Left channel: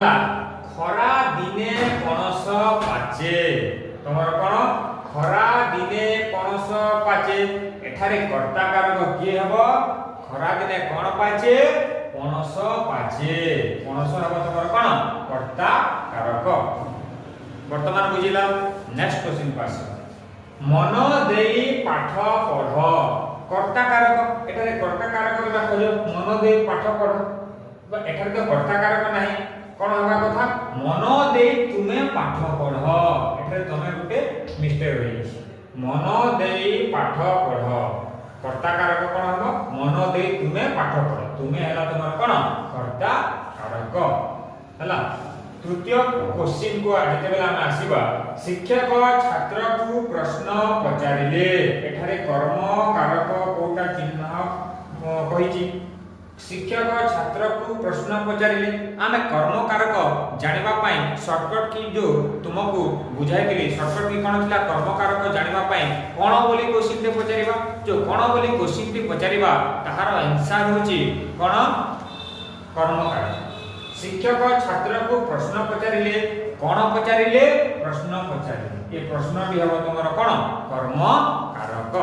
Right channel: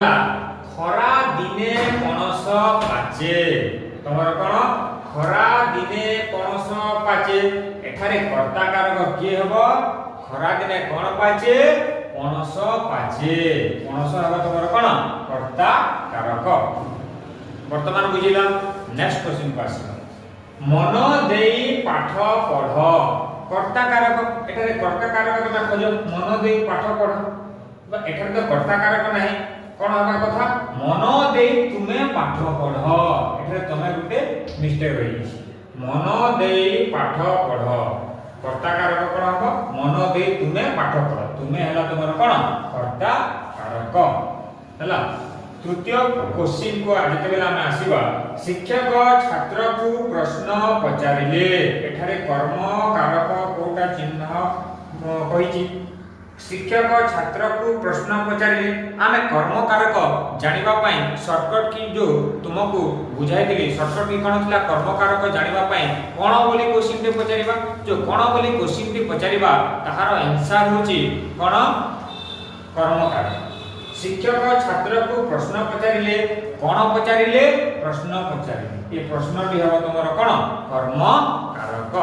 ଖରା ଦିନେ ପଣସ ପାଚେ। ତମର କଣ? ଖରା ଦିନେ ପଣସ ପାଚେ। ଏଠାରେ କର୍ତ୍ତା କାରକ କିଏ ହବ? ଖରା ଦିନେ କଣ ପାଚେ? ପଣସ ପାଚେ। ପଣସ ହବ ତମର କଣ? କର୍ତ୍ତା କାରକ। ବର୍ତ୍ତମାନ ବୁଝିଲ। ନେକ୍ସଟ क्वेश्चन को ଆସିବା। ମନ ଦେଇ ପାଠ ପଢ। କର୍ତ୍ତା କାରକ। ଏଠାରେ କର୍ତ୍ତା କାରକ ଦେଖାଯିବ ମନ ଦେଇ ପାଠ ପଢ। ଏଠାରେ ତ କର୍ତ୍ତା କାରକ ନାହିଁ। कौन हवा कथा? मन दे तुमे पाठ पढ़। एठारे तमे गुटे मिस्टेक होई छि। मन दे पाठ पढ़। कर्ता कारक कोन हबो? मन दे तुमे पाठ पढ़। तुमे हला तमर कोन? कर्ता कारक। हला तृतीय क्वेश्चन को जेते बेला हम आसीबा, शिक्षक छात्र को प्रश्न पचारिले। एठारे कर्म कारक कोटा चिन्ह कहि छि। शिक्षक छात्र को प्रश्न पचारिले। आमे कर्म कारक जानिबा पई शॉर्टकट की जो तुमको बुझाई दिली, शॉर्टकट की कोन थिला? कर्म कारक जानिबा पई कोन बोली क्वेश्चन ते पचारिबा। जो कोन बोली क्वेश्चन ते पचारिबा ताहार आंसर होची कोन? कर्म कारक। शिक्षक छात्र को प्रश्न पचारिले। कोन पचारिले? प्रश्न पचारिले। ए प्रश्न टी हबो तमरो कोन? कर्म कारक।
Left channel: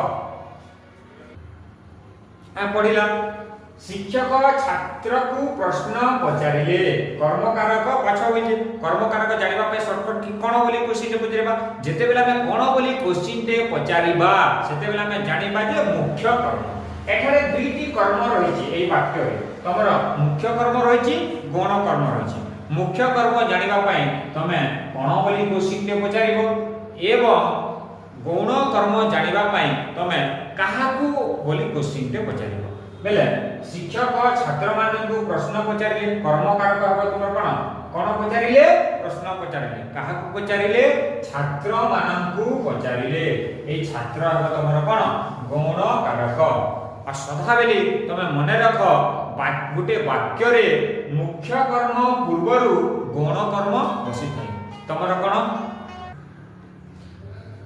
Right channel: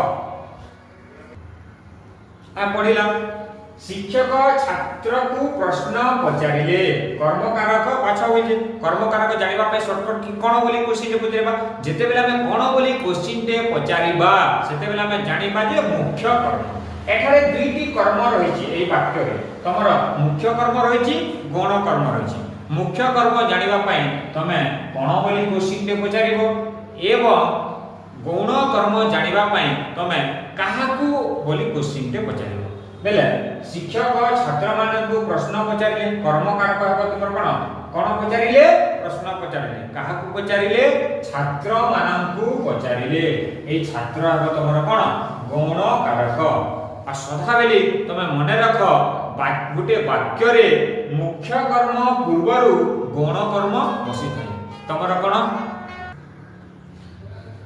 आ पढिला। शिक्षक छात्र को प्रश्न पचारिले। कर्म कारक पाछा होई जे। कर्म कारक जानिबा पे शॉर्टकट की कोन बोली क्वेश्चन ते पचारिबा। जेते बेला में कोन बोली क्वेश्चन ते पचारिबा सेते बेला में जानिबा जे मुख्य कर्म। एठारे दुईटी कर्म रही छि एई वाक्य रे। तमर मुख्य कर्म रही छि, गौण कर्म रही छि। मुख्य कर्म जानिबा पई तमे कोन बोली क्वेश्चन ते पचारिबो एवं गौण कर्म जानिबा पई तमे काहाकू बोली क्वेश्चन ते पचारिबो। बेले शिक्षक छात्र मानकु प्रश्न पचारिले। कर्म कारक हबो तुमर कोन? कोन पचारिले? प्रश्न पचारिले। काहाकू पचारिले? छात्र मानकु पचारिले। एई छात्र हबो तुमर कोन? गौण कारक। आ सदा बेले तमे मने रख गुटे वाक्य रे मुख्य कर्म पूर्वरु गौण कर्म बसी थाई। तमर कोन?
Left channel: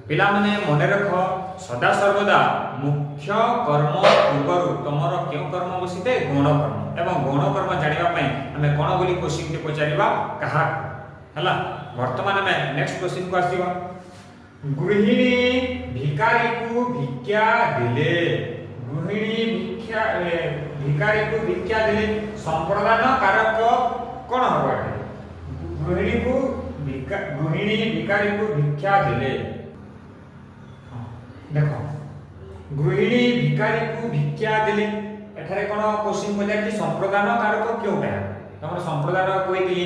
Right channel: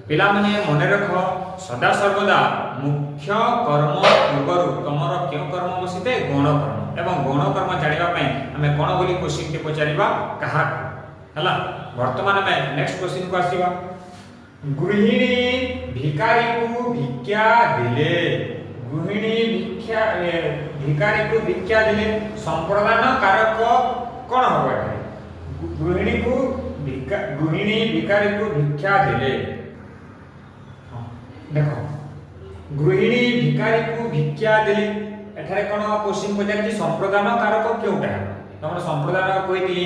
पिला माने मने रख सदा सर्वदा मुख्य कर्म पूर्वरु तमर केउ कर्म बसिते? गौण कर्म। एवं गौण कर्म जानिबा पई हमें कोन बोली क्वेश्चन के पचारिबा? काहा। हला वर्तमान में नेक्स्ट क्वेश्चन को आसीबा। गृहिणी भिखारी को भिक्षा दिले। गृहिणी भिखारी को भिक्षा दिले। संप्रदान कारक कोन हबो एटा? गृहिणी भिखारी को भिक्षा दिले। देखो गृहिणी भिखारी को भिक्षा दिले। एठारे कोन क्वेश्चन पचारि संप्रदान कारक क्योंटा? तमर संप्रदान कोइ दिली